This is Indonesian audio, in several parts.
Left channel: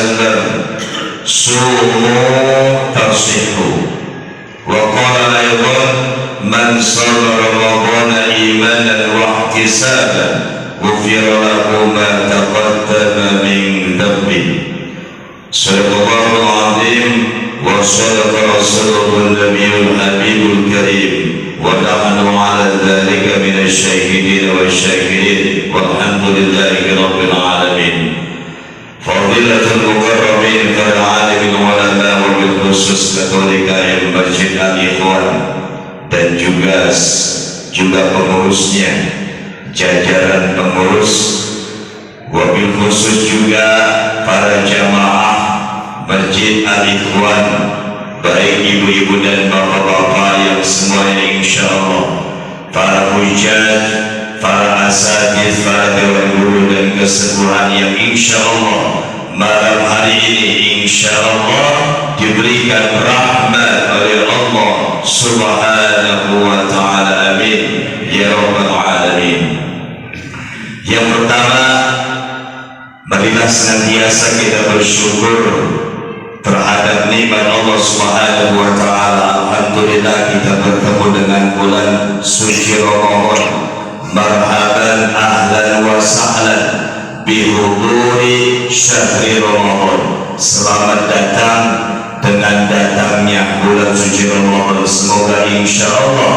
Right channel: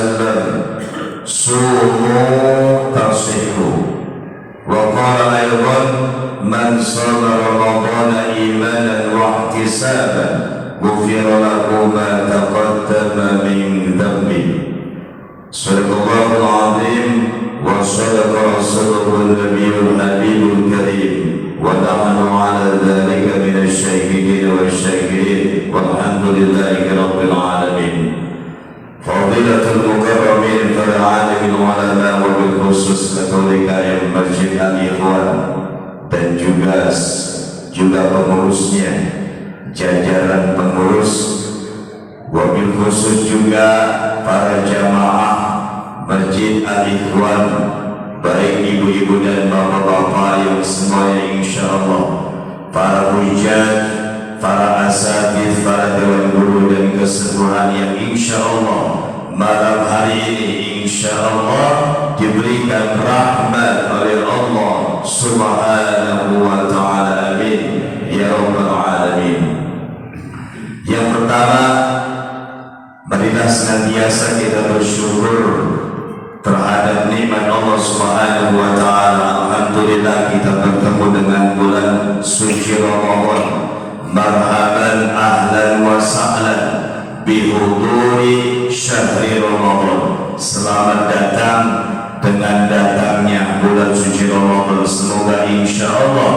وسلم صوموا تصحوا. وقال أيضا من صام رمضان إيمانا واحتسابا غفر له ما تقدم من ذنبه. صدق الله العظيم وصدق رسوله النبي الحبيب الكريم ونحن على ذلك من الشاهدين والشاكرين والحمد لله رب العالمين. فضيلة المكرمين كالعالم العلماء وبالخصوص Katolika yang Masjid Al-Ikhwan dan juga pengurusnya, jajaran pengurus, wabil khusus juga para jamaah Masjid Al-Ikhwan, baik ibu-ibu dan bapak-bapak yang semuanya insyaallah, para hujjah, para asatiz, para dewan guru dan keseluruhan yang insyaallah malam hari ini insyaallah diberikan rahmat oleh Allah Subhanahu wa ta'ala. Amin ya rabbal alamin. Yang pertama, marilah senantiasa kita bersyukur terhadap nikmat Allah Subhanahu wa ta'ala. Alhamdulillah kita bertemu dengan bulan suci Ramadan. Marhaban ahlan wa sahlan bihuduri syahri Ramadan. Selamat datang dengan datangnya bulan suci Ramadan. Semoga insyaallah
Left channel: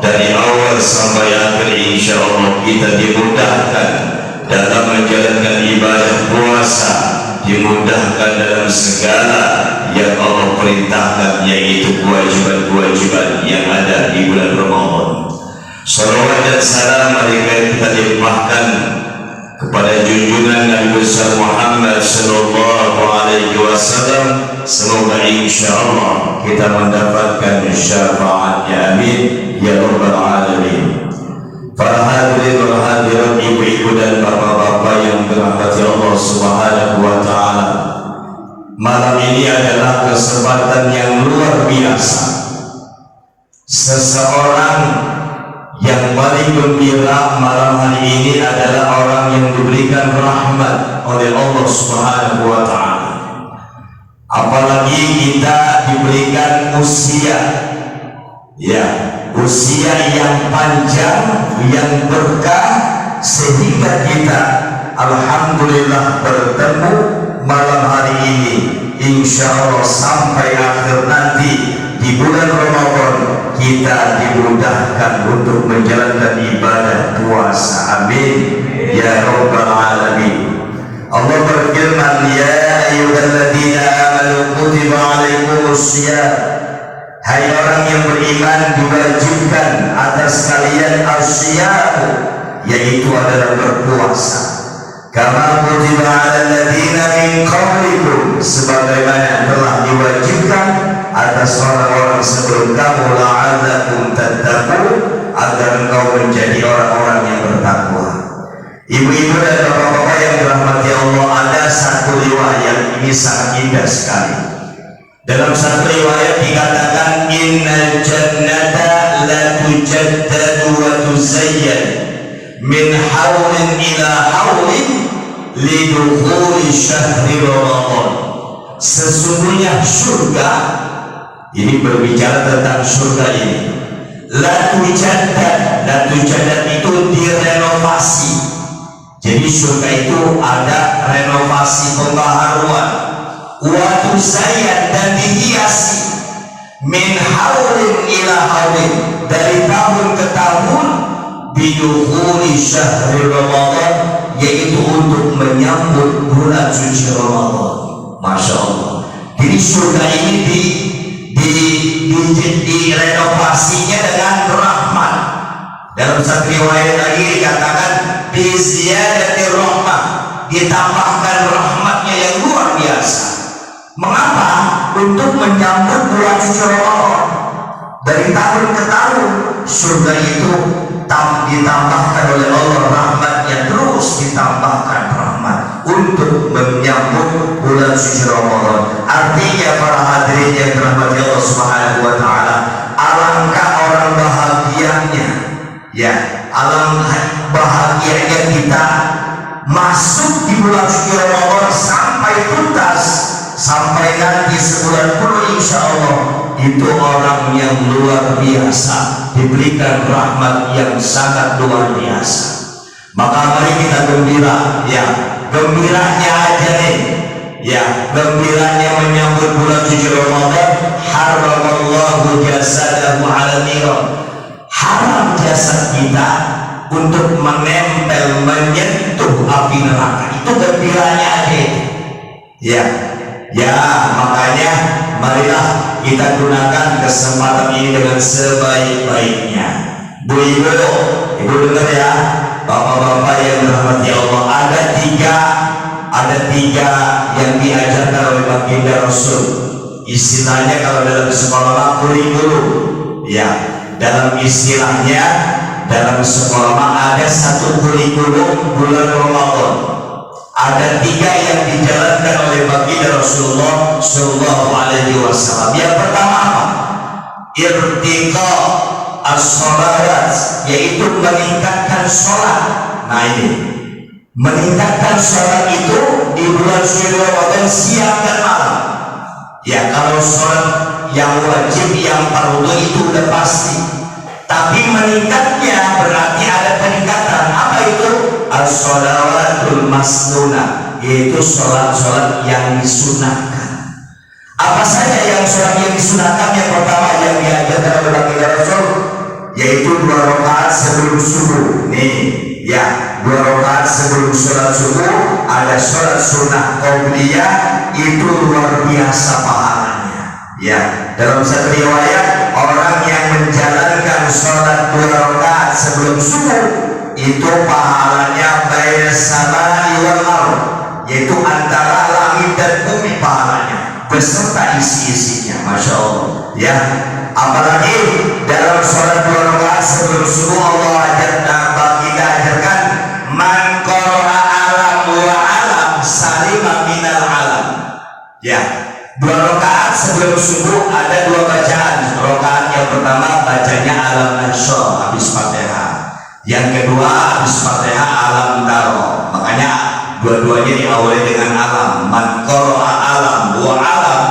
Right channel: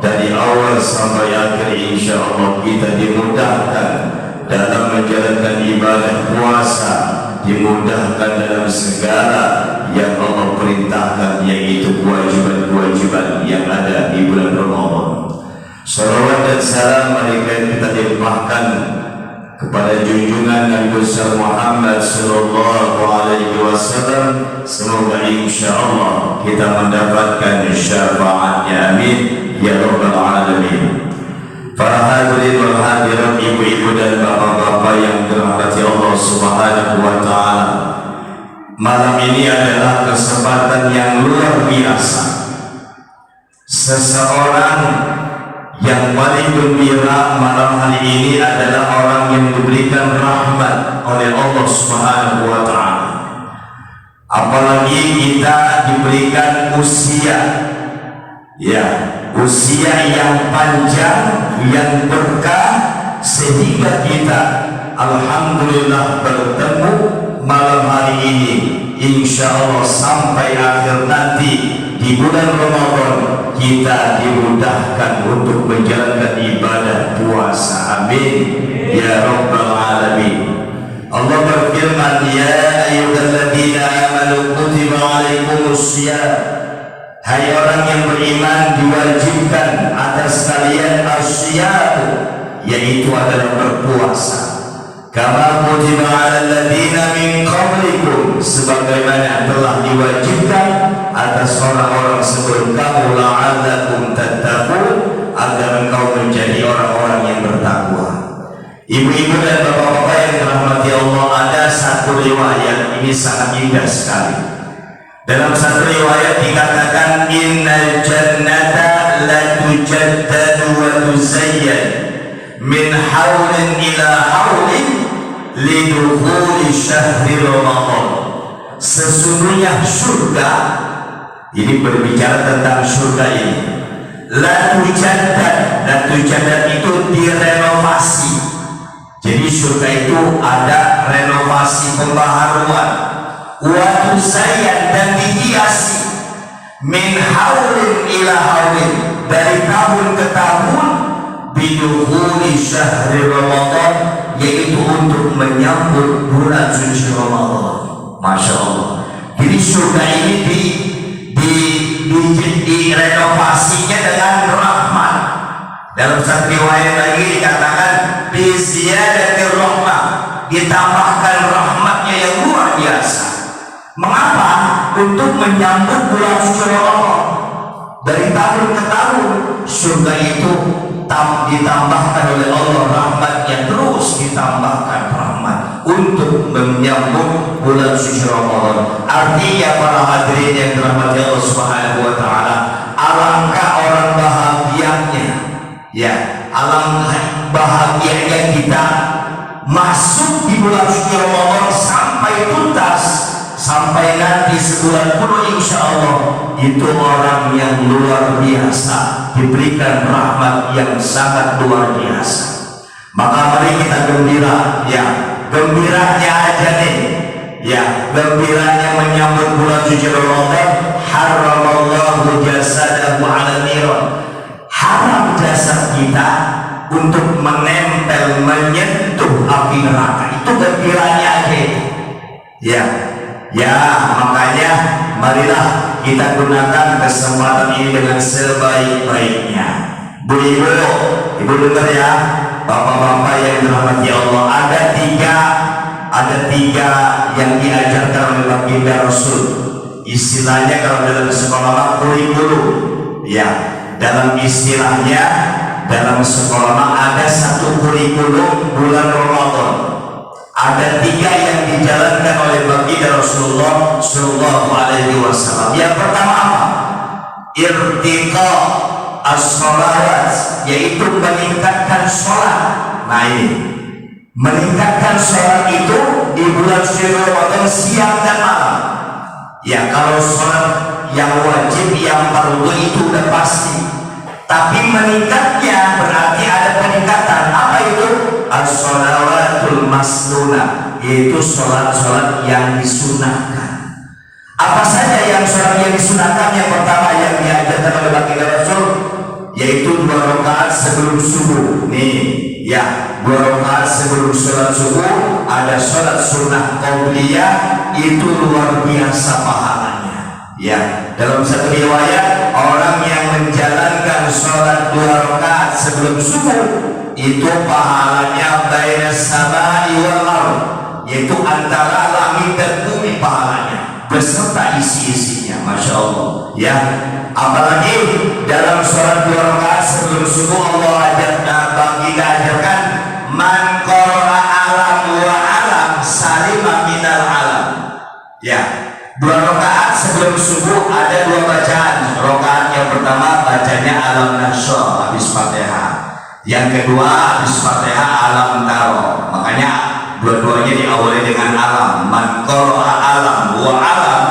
dari awal sampai akhir insyaallah kita dimudahkan dalam menjalankan ibadah puasa, dimudahkan dalam segala yang Allah perintahkan, yaitu kewajiban-kewajiban yang ada di bulan Ramadan. Salawat dan salam mari kita limpahkan kepada junjungan Nabi besar Muhammad sallallahu alaihi wasallam. Semoga insyaallah kita mendapatkan syafaatnya. Amin ya rabbal alamin. Para hadirin wal hadirat, ibu-ibu dan bapak-bapak yang dirahmati Allah Subhanahu wa ta'ala, malam ini adalah kesempatan yang luar biasa. Seseorang yang paling gembira malam hari ini adalah orang yang diberikan rahmat oleh Allah Subhanahu wa ta'ala. Apalagi kita diberikan usia, ya, usia yang panjang, yang berkah, sehingga kita alhamdulillah bertemu malam hari ini. Insyaallah sampai akhir nanti di bulan Ramadan kita dimudahkan untuk menjalankan ibadah puasa. Amin ya rabbal alamin. Allah berfirman, ya ayyuhalladzina amanu kutiba alaikumusiyam. Hai orang yang beriman, diwajibkan atas kalian as-siyam, yaitu adalah berpuasa. Kama kutiba alal ladzina min qablikum, sebagaimana telah diwajibkan atas orang-orang sebelum kamu, la'allakum tattaqun, agar engkau menjadi orang-orang yang bertakwa. Ibu-ibu dan bapak-bapak yang dirahmati Allah, ada satu riwayat ini sangat indah sekali. Dalam satu riwayat dikatakan, innal jannata la tujaddadu wa tuzayyad min haulin ila haulin lidukhuli syahri Ramadan. Sesungguhnya surga, ini berbicara tentang surga ini, la tujaddad itu direnovasi. Jadi surga itu ada renovasi, pembaharuan. Wa tuzayyad, dan dihiasi, min haulin ila haulin, dari tahun ke tahun, bidukhuli syahri Ramadan, yaitu untuk menyambut bulan suci Ramadan. Masya Allah. Jadi surga ini direnovasinya dengan rahmat. Dalam satu riwayat lagi dikatakan biziyadatir rahmah, ditambahkan rahmatnya yang luar biasa. Mengapa? Untuk menyambut bulan suci Ramadan. Dari tahun ke tahun surga itu ditambahkan oleh Allah rahmatnya, terus ditambahkan rahmat untuk menyambut bulan suci Ramadan. Artinya para hadirin yang dirahmati Allah Subhanahu wa ta'ala, alangkah orang bahagianya, ya, alangkah bahagianya kita masuk di bulan suci Ramadan sampai sampai tuntas, sampai nanti sebulan penuh insya Allah, itu orang yang luar biasa, diberikan rahmat yang sangat luar biasa. Maka mari kita gembira, ya, gembiranya aja nih, ya, gembiranya menyambut bulan suci Ramadan. Haramallahu jasadahu ala niran, haram jasad kita untuk menempel, menyentuh api neraka. Itu gembiranya aja, ya. Ya, makanya marilah kita gunakan kesempatan ini dengan sebaik-baiknya. Bu-ibu, ibu dengar ya, bapak-bapak yang dirahmati Allah, ada tiga yang diajarkan oleh baginda Rasul. Istilahnya kalau dalam sekolah kurikulum, ya, dalam istilahnya dalam sekolah ada satu kurikulum bulan Ramadan. Ada tiga yang dijalankan oleh baginda Rasulullah Shallallahu Alaihi Wasallam. Yang pertama apa? Irtiqa as-sholawat, yaitu meningkatkan sholat. Nah ini, meningkatkan sholat itu di bulan suci Ramadan siang dan malam. Ya, kalau sholat yang wajib, yang fardu itu udah pasti. Tapi meningkatnya berarti ada peningkatan. Apa itu? As-sholawatul masnunah, yaitu sholat-sholat yang disunahkan. Apa saja yang sholat yang disunahkan? Yang pertama yang diajarkan oleh baginda Rasul, yaitu 2 rakaat sebelum subuh. Nih, ya, 2 rakaat sebelum sholat subuh. Ada sholat sunnah qabliyah, itu luar biasa pahalanya. Ya, dalam satu riwayat, orang yang menjalankan sholat 2 rakaat sebelum subuh itu pahalanya baina samai wal ardh, yaitu antara langit dan bumi pahalanya beserta isi-isinya. Masya Allah, ya. Apalagi dalam sholat 2 rakaat sebelum subuh, Allah ajarkan man qara'a alam wa alam salima minal alam. Ya, 2 rakaat sebelum subuh ada 2 bacaan. Rakaat yang pertama bacanya alam nasyr habis Fatihah. Yang kedua habis Fatihah alam taro. Makanya dua-duanya diawali dengan alam. Man qara'a alam wa alam,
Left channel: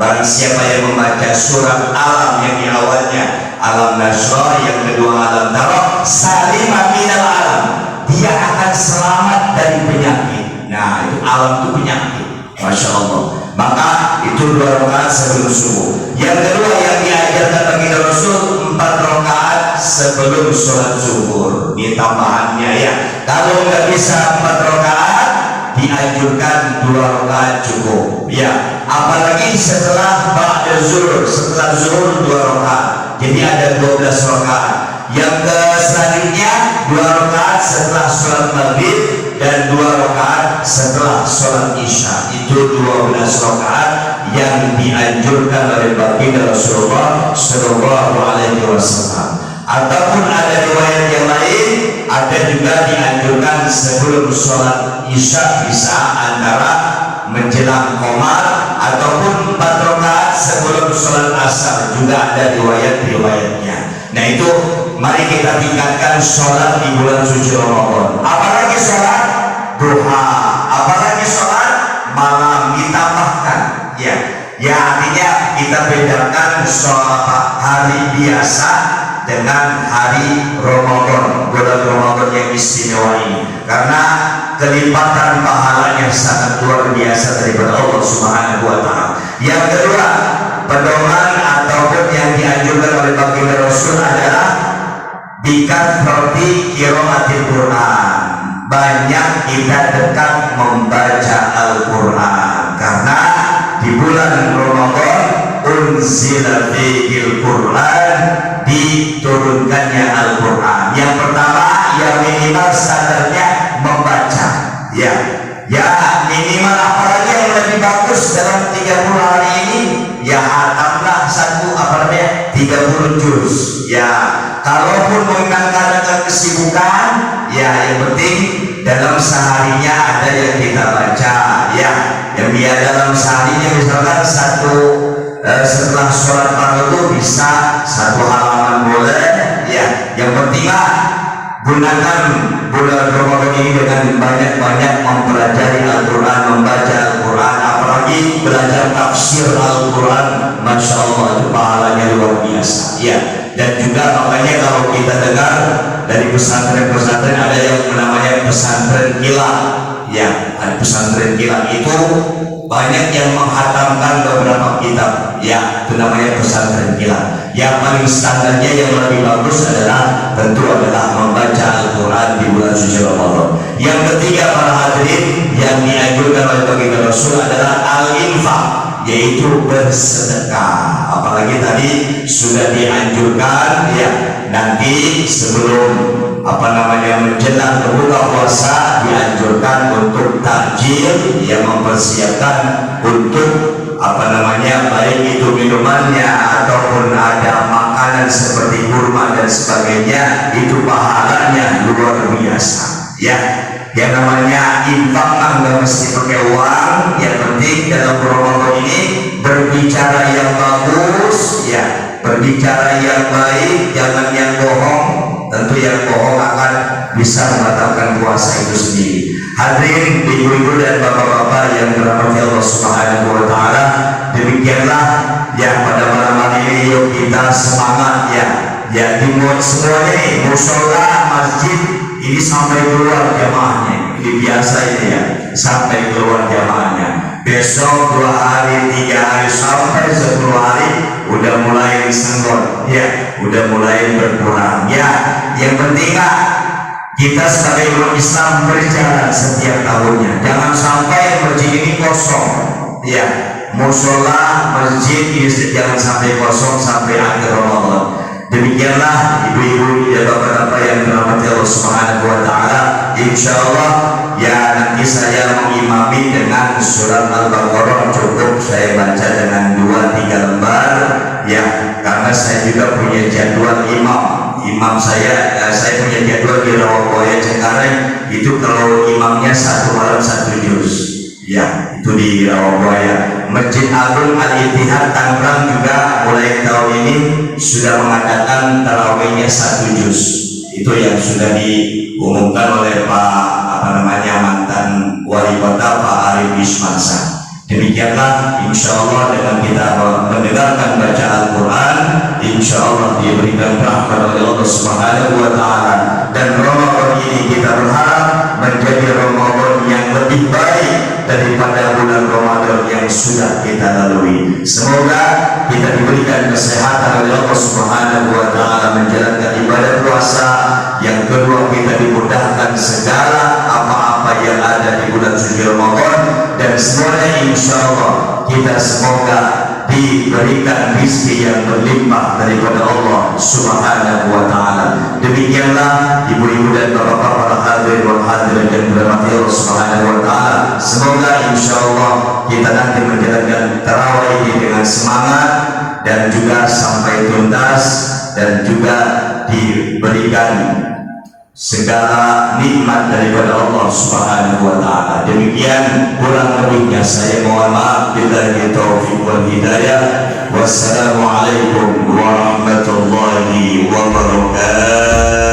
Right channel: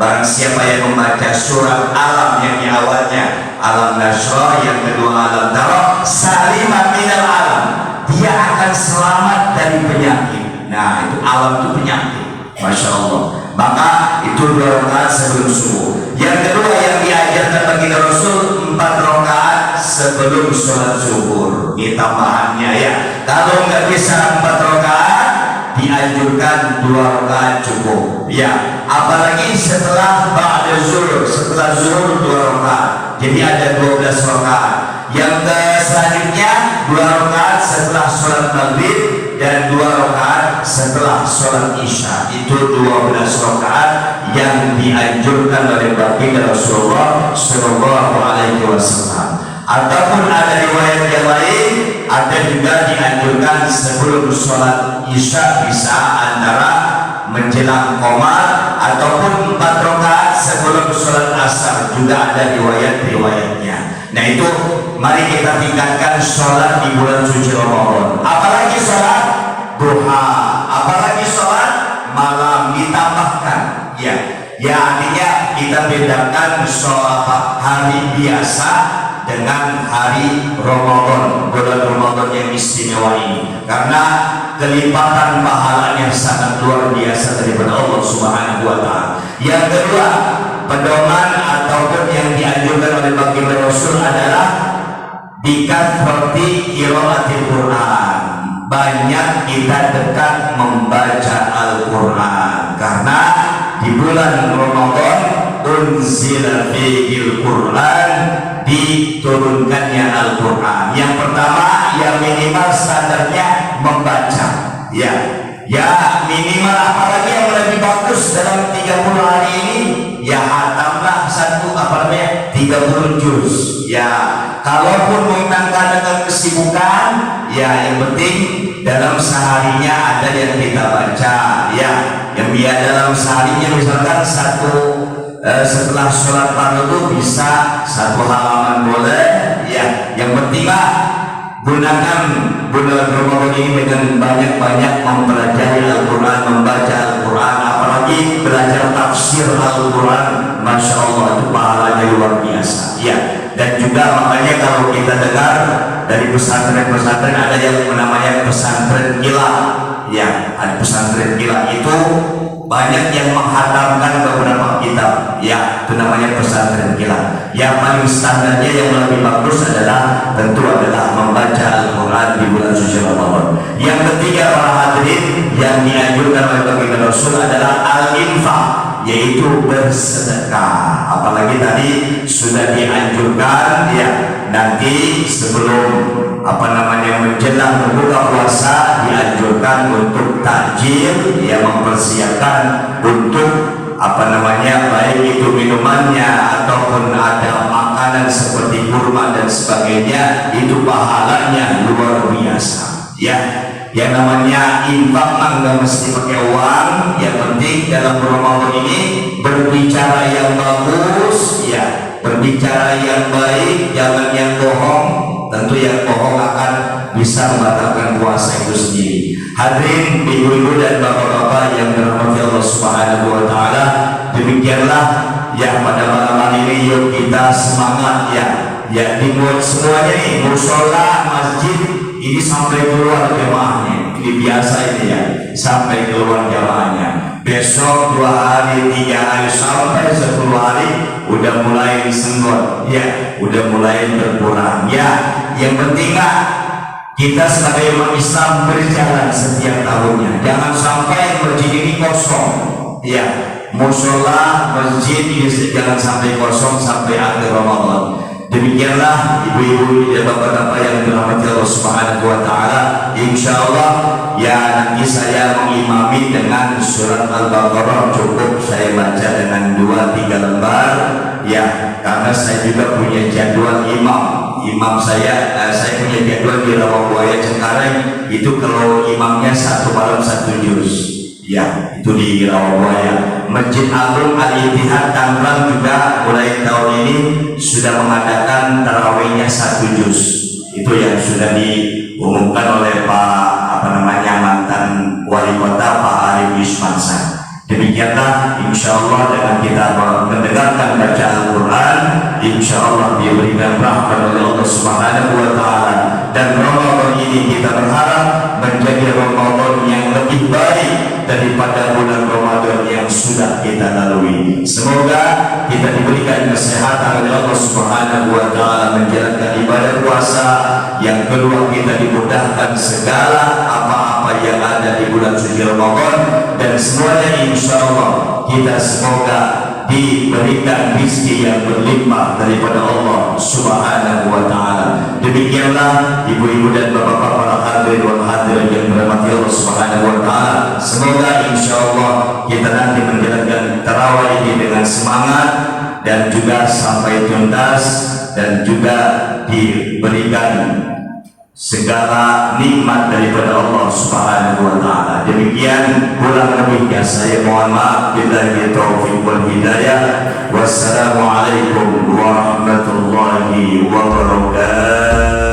barang siapa yang membaca surat alam yang di awalnya alam nasyr, yang kedua alam taro, salimah minal alam, dia akan selamat dari penyakit. Nah, itu alam itu penyakit. Masya Allah. Maka itu 2 rakaat sebelum subuh. Yang kedua yang diajarkan bagi Rasul, 4 rakaat sebelum sholat zuhur. Ini tambahannya, ya. Kalau nggak bisa 4 rakaat, dianjurkan 2 rakaat cukup. Ya. Apalagi setelah ba'da zuhur, setelah zuhur 2 rakaat. Jadi ada 12 rakaat. Yang selanjutnya 2 rakaat setelah sholat maghrib dan 2 rakaat setelah sholat isya. Itu 12 rakaat yang dianjurkan oleh baginda Rasulullah Shallallahu Alaihi Wasallam. Ataupun ada riwayat yang lain, ada juga dianjurkan sebelum sholat isya, bisa antara menjelang qomar, ataupun 4 rakaat sebelum sholat asar. Juga ada riwayat-riwayatnya. Nah itu, mari kita tingkatkan sholat di bulan suci Ramadan. Apalagi sholat duha, apalagi sholat malam ditambahkan. Ya, ya, artinya kita bedakan sholat hari biasa dengan hari Ramadan, bulan Ramadan yang istimewa ini, karena kelipatan pahalanya sangat luar biasa daripada Allah Subhanahu wa Ta'ala. Yang kedua, pedoman ataupun yang dianjurkan oleh baginda Rasul adalah bikathrati qiraatil Quran. Banyak kita dekat membaca Al-Quran, karena di bulan Ramadan unzila fihil Quran, diturunkannya Al-Quran. Yang pertama, yang minimal standarnya membaca, ya, ya, minimal. Apalagi yang lebih bagus dalam 30 hari ini, ya, hatamlah 30 juz. Ya, kalaupun kadang-kadang kesibukan, ya, yang penting dalam seharinya ada yang kita baca, ya, yang dia dalam seharinya misalkan setelah sholat fardu itu bisa 1 halaman boleh, ya, yang penting lah Gunakan bulan Ramadan ini dengan banyak-banyak mempelajari Al-Quran, membaca Al-Quran, apalagi belajar tafsir Al-Quran. Masya Allah, itu pahalanya luar biasa ya. Dan juga makanya kalau kita dengar dari pesantren-pesantren ada yang namanya pesantren kilat ya, ada pesantren kilat itu banyak yang menghatamkan beberapa kitab ya, itu namanya pesantren kilat. Yang paling standarnya yang lebih bagus adalah tentu adalah membaca Al-Quran di bulan suci Ramadan. Yang ketiga para hadirin, yang dianjurkan oleh baginda Rasul adalah al-infaq, yaitu bersedekah. Apalagi tadi sudah dianjurkan ya, nanti sebelum menjelang berbuka puasa dianjurkan untuk takjil, ya, mempersiapkan untuk baik itu minumannya ataupun ada makanan seperti kurma dan sebagainya, itu pahalanya luar biasa ya. Yang namanya infak nggak mesti pakai uang, yang penting dalam Ramadan ini berbicara yang bagus ya, berbicara yang baik, jangan yang bohong. Tentu yang bohong akan bisa membatalkan puasa itu sendiri. Hadirin ibu-ibu dan bapak-bapak yang dirahmati Allah Subhanahu wa taala, demikianlah ya pada malam hari ini yuk kita semangat ya. Ya dimuat semuanya nih, musola, masjid ini sampai keluar jamaahnya. Ini biasa ini ya, sampai keluar jamaahnya. Besok 2 hari, 3 hari, sampai 10 hari udah mulai disenggol ya, udah mulai berkurang ya. Yang penting kita sebagai umat Islam berjalan setiap tahunnya, jangan sampai masjid ini kosong ya, musola masjid ini jangan sampai kosong sampai akhir Ramadan. Demikianlah ibu-ibu dan bapak-bapak yang dirahmati Allah Subhanahu wa taala, insyaallah ya nanti saya mengimami dengan surat Al-Baqarah, cukup saya baca dengan 2-3 lembar ya, karena saya juga punya jadwal imam saya punya jadwal di Rawabuaya Cengkareng, itu kalau imamnya 1 malam 1 juz ya, itu di Rawabuaya. Masjid Agung Al-Ittihad Tangerang juga mulai tahun ini sudah mengadakan tarawihnya 1 juz, itu yang sudah diumumkan oleh Pak mantan wali kota Pak Arif Ismansa. Demikianlah insyaallah dengan kita mendengarkan baca Al-Quran, insyaallah diberikan rahmat oleh Allah Subhanahu wa taala, dan Ramadan ini kita berharap menjadi Ramadan yang lebih baik daripada bulan Ramadan yang sudah kita lalui. Semoga kita diberikan kesehatan oleh Allah Subhanahu wa taala menjalankan ibadah puasa. Yang kedua, kita dimudahkan segala apa-apa yang ada di bulan suci Ramadan, dan semuanya insyaallah kita semoga diberikan rezeki yang berlimpah daripada Allah Subhanahu wa taala. Demikianlah ibu-ibu dan bapak-bapak para hadirin wal hadirat yang dirahmati Allah Subhanahu wa taala, semoga insyaallah kita nanti menjalankan tarawih ini dengan semangat dan juga sampai tuntas, dan juga diberikan segala nikmat daripada Allah Subhanahu wa taala. Demikian kurang lebihnya saya mohon maaf, billahi taufiq wal hidayah. Wassalamualaikum warahmatullahi wabarakatuh.